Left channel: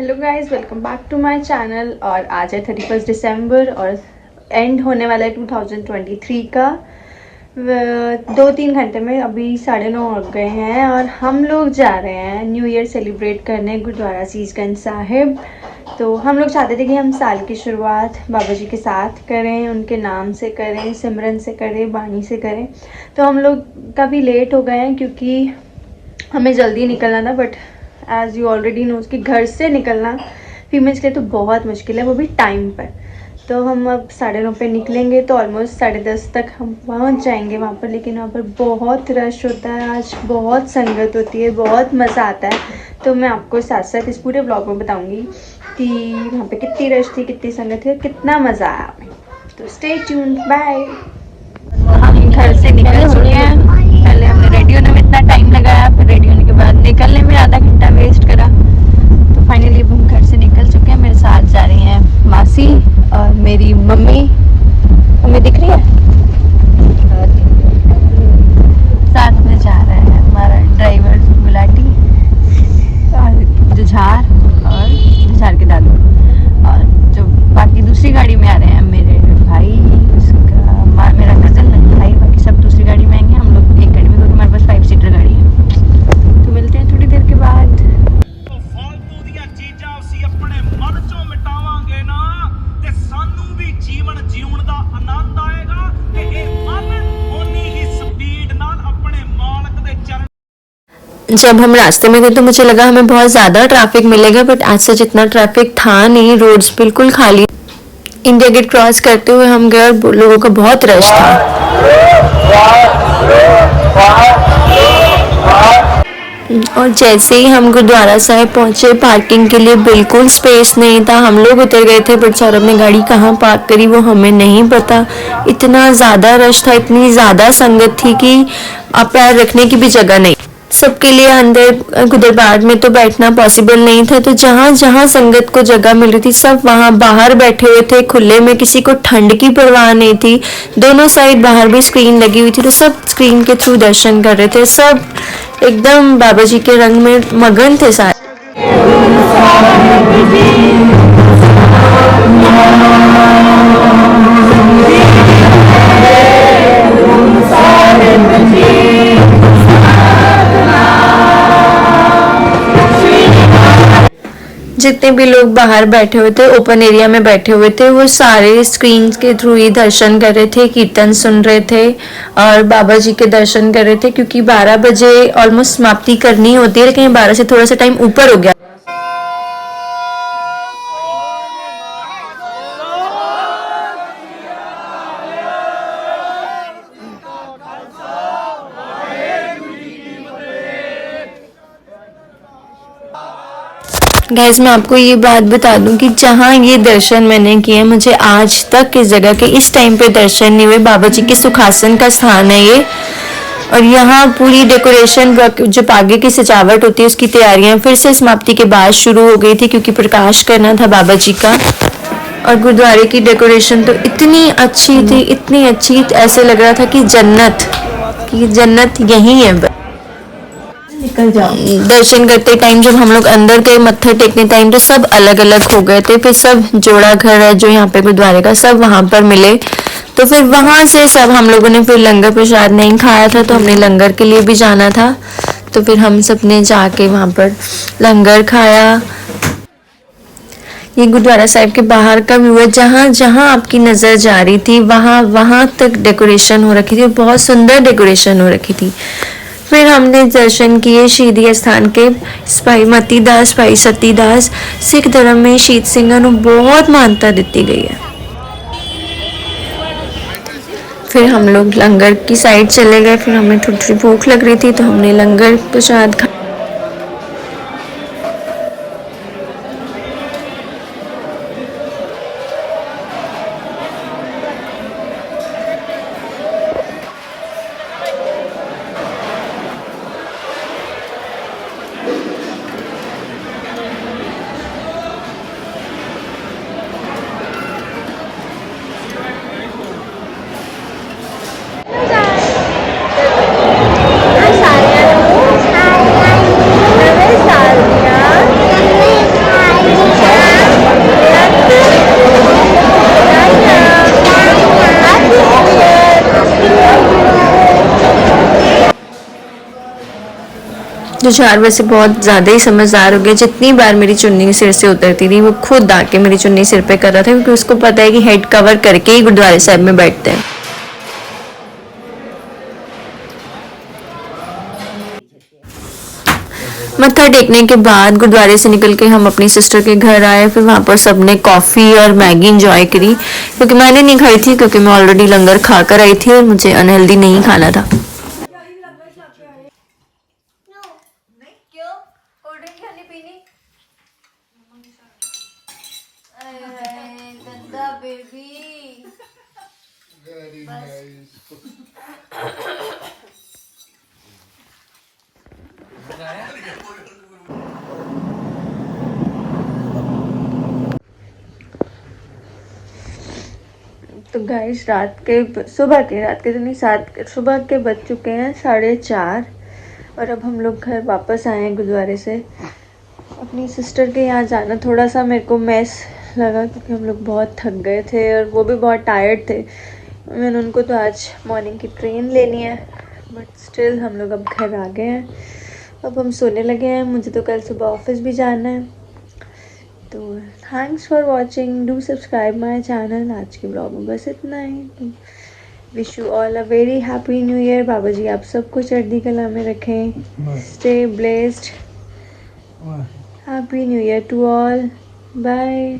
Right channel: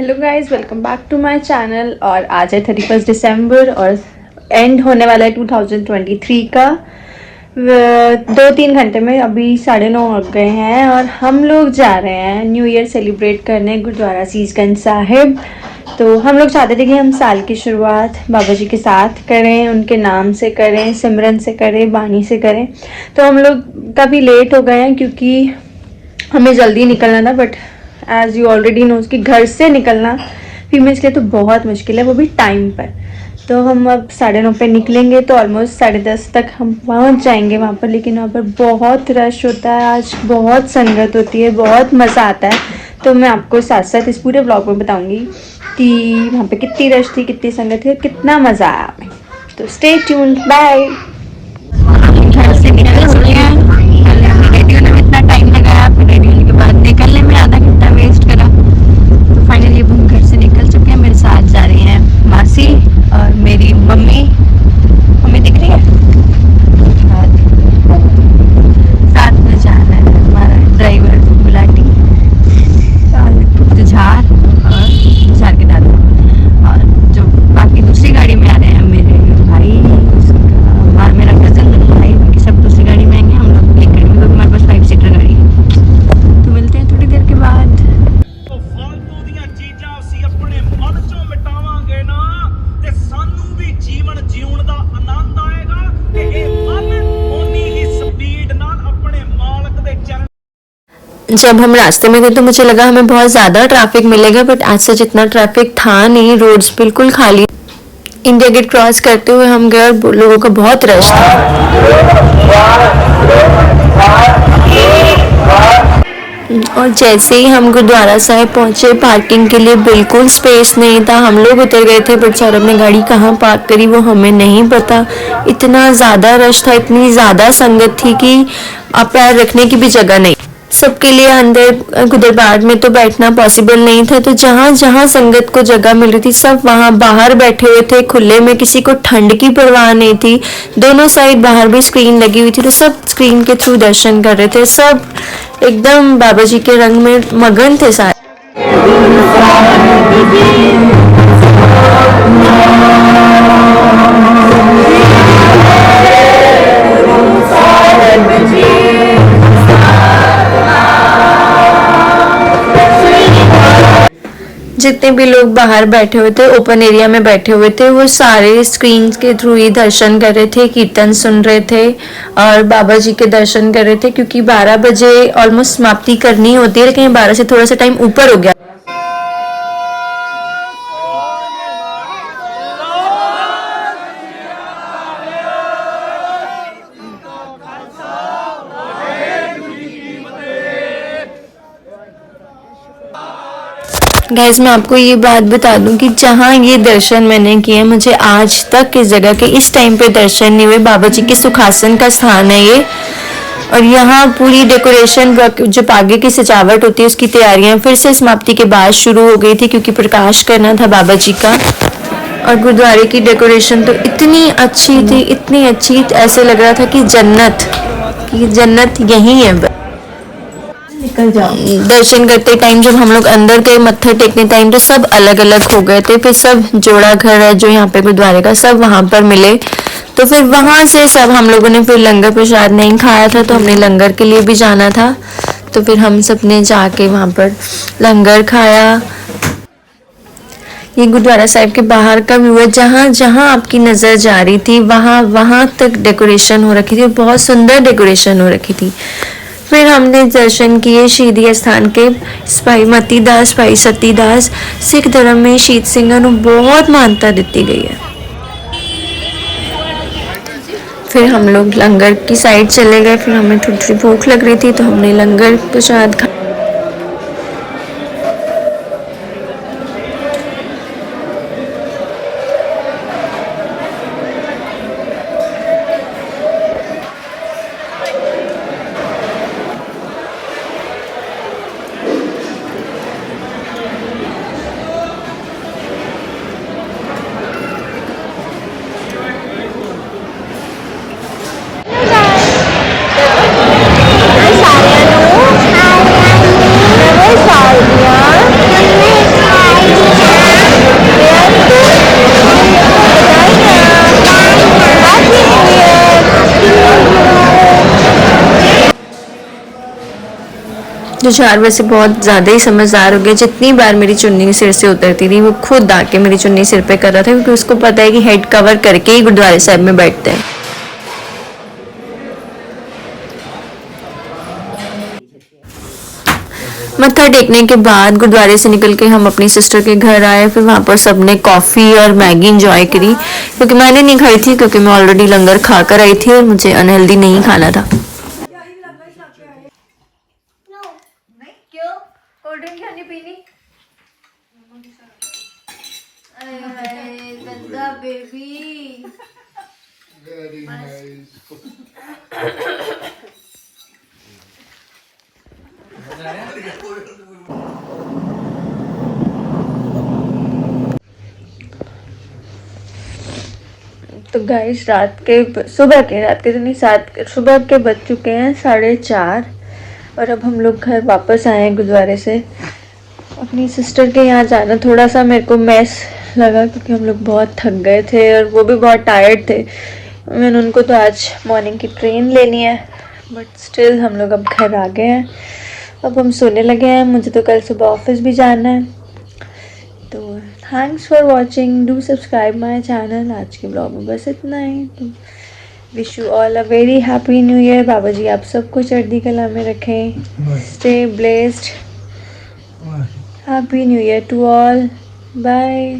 Hello guys, welcome back to my channel. और आज है 31 दिसंबर और एंड होने वाला है 2023 का। 2-3 घंटे में अभी 9:30 हो गए हैं और हम लोग जा रहे हैं न्यू ईयर सेलिब्रेट करने गुरुद्वारा सीसगंज साहिब। तो हम लोग चाहते थे कि हम साल की शुरुआत बाबा जी के साथ करें, उनके नाम से करें, सिमरन से करें, बानी से करें। तो हम लोग काफ़ी लेट हो गए हैं क्योंकि हमें जल्दी निकलना था। But as you already know कि घर से निकलना फीमेल्स के लिए तो बहुत मुश्किल है, वो भी टाइम पर। तो हम अब 9:30 पे निकलेंगे तो ऑलमोस्ट 10:30 तक हम पहुंच जाएंगे वहाँ पर। लेकिन वहाँ पर बहुत रश होता है, आज बहुत संगत होती है, बहुत मज़ा आता है। तो मैं आपको साथ साथ इस पूरे ब्लॉग में बताऊँगी कि वहाँ पे कितनी रश थी, कितनी संगत थी, कितना मज़ा आया हमें। तो स्टे ट्यून्ड, बाय। हम घर से निकल चुके हैं। पहले हमने रेडी होने में इतना टाइम लगाया, फिर रेडी होने के बाद निकलने में आधा घंटा वेस्ट करा। तो फाइनली अब हम घर से निकल चुके हैं। मेरे साथ जा रही हैं मासी और मेरी मम्मी। हमें दिख रही है, साथ में जा रहा है हमारा ड्राइवर गुलाटी और जुझार के दादू। और जो बाकी दूसरी गाड़ी में आ रहे हैं मेरे भाई, मेरा कजन, भाई, बाकी सब दूसरी गाड़ी में आएंगे। हम लोग एक गाड़ी में, क्योंकि हमारे पास 5 सीटर गाड़ी है। तो मिलते हैं थोड़ी देर के बाद। जब हम रास्ते में थे तो मुझे लगा हमें बहुत ज़्यादा ट्रैफिक मिलेगा, बट आज सच इतना ट्रैफिक था नहीं। रोड्स बिल्कुल खाली। इंडिया गेट क्रॉस करते हुए हम गए और लोगों का बहुत रश था। और जैसे ही हम गुरुद्वारा साहिब पहुंचे, पार्किंग के लिए बिल्कुल स्पेस नहीं था। हम लोग उतर गए थे, बट सौरभ ने गाड़ी कहाँ पार्क करी वो हमें नहीं पता। इतना ज़्यादा रश था, इतनी ज़्यादा संगत थी कि आप पैर रखने की भी जगह नहीं। सबके लिए अंदर दरबार में तो बैठना पॉसिबल नहीं था। तो जहाँ जहाँ संगत को जगह मिल रही थी सब वहाँ बाहर बैठे हुए थे खुले में। किसी को ठंड की परवाह नहीं थी। दोनों साइड बाहर भी स्क्रीन लगी हुई थी, तो सब स्क्रीन के थ्रू दर्शन कर रहे थे। सब एकदम बाबा जी के रंग में मगन थे सारे। जितने भी लोग बाहर बैठे हुए थे, ओपन एरिया में बैठे हुए थे, वो सारे स्क्रीन के थ्रू ही दर्शन कर रहे थे, कीर्तन सुन रहे थे और बाबा जी के दर्शन कर रहे थे। क्योंकि 12 बजे ऑलमोस्ट समाप्ति करनी होती है, लेकिन 12 से थोड़ा सा टाइम ऊपर हो गया। गाइस, मैं आपको ये बात बता दूं कि जहाँ ये दर्शन मैंने किए, मुझे आज तक इस जगह के इस टाइम पे दर्शन नहीं हुए। बाबा जी के सुखासन का स्थान है ये। और यहाँ पूरी डेकोरेशन, जो आगे की सजावट होती है उसकी तैयारियां फिर से समाप्ति के बाद शुरू हो गई थी, क्योंकि प्रकाश करना था बाबा जी का। और गुरुद्वारे की डेकोरेशन तो इतनी अच्छी थी, इतनी अच्छी, ऐसे लग रहा था कि जन्नत यही है। निकल जाओ। दर्शन करते टाइम जब हम लोग अंदर गए, मत्था टेकने टाइम, तो सब अलग अलग हो गए थे। फिर सब जोड़ा घर है जो यहाँ पे गुरुद्वारे का, सब वहाँ पर मिले। तो फिर वहाँ से सब हम लोगों ने फिर लंगर प्रसाद नहीं खाया था, तो हमने लंगर के लिए भी जाना था। तो फिर हम सब ने जाके वहाँ पर लंगर खाया। ये गुरुद्वारा साहिब के बाहर का व्यू है। जहाँ जहाँ आपकी नज़र जा रही थी वहाँ वहाँ तक डेकोरेशन हो रखी थी, बहुत सुंदर डेकोरेशन हो रखी थी। फिर हमने दर्शन किए शहीदी स्थान के। भाई मती दास, भाई सती दास, सिख धर्म में शहीद ਸਿੰਘਾਂ ਨੂੰ बहुत मान्यता दी गई है। फिर हम लोग लंगर की साइड चले गए। फिर हमें थोड़ी थोड़ी भूख लग रही थी, तो हमने लंगर प्रसाद खाया। जो चार वैसे बहुत ज़्यादा ही समझदार हो गया। जितनी बार मेरी चुन्नी सिर से उतरती थी वो खुद आके मेरी चुन्नी सिर पे कर रहा था, क्योंकि उसको पता है कि हेड कवर करके ही गुरुद्वारे साहब में बैठते हैं। मत्था टेकने के बाद गुरुद्वारे से निकल के हम अपनी सिस्टर के घर आए। फिर वहाँ पर सबने कॉफ़ी और मैगी इंजॉय करी, क्योंकि मैंने नहीं खाई थी, क्योंकि मैं ऑलरेडी लंगर खा कर आई थी और मुझे अनहेल्दी नहीं खाना था। तो गाइस सुबह के तो नहीं, सुबह के बज चुके हैं 4:30 और अब हम लोग घर वापस आए हैं गुरुद्वारे से। अपनी सिस्टर के यहाँ जाना थोड़ा सा मेरे को मैस लगा, क्योंकि हम लोग बहुत थक गए थे और वो भी बहुत टायर्ड थे। मैंने उनको तो आज मॉर्निंग की ट्रेन लेनी है, बट स्टिल हम लोग अब घर आ गए हैं। अब हम सोने लगे हैं, मुझे तो कल सुबह ऑफिस भी जाना है। तो thanks for watching, do subscribe my channel. आज के ब्लॉग में बस इतना ही। तो wish you all a very happy new year. Baba ji आप सबको चढ़ती कला में रखें। Stay blessed. Happy new year to all. Bye.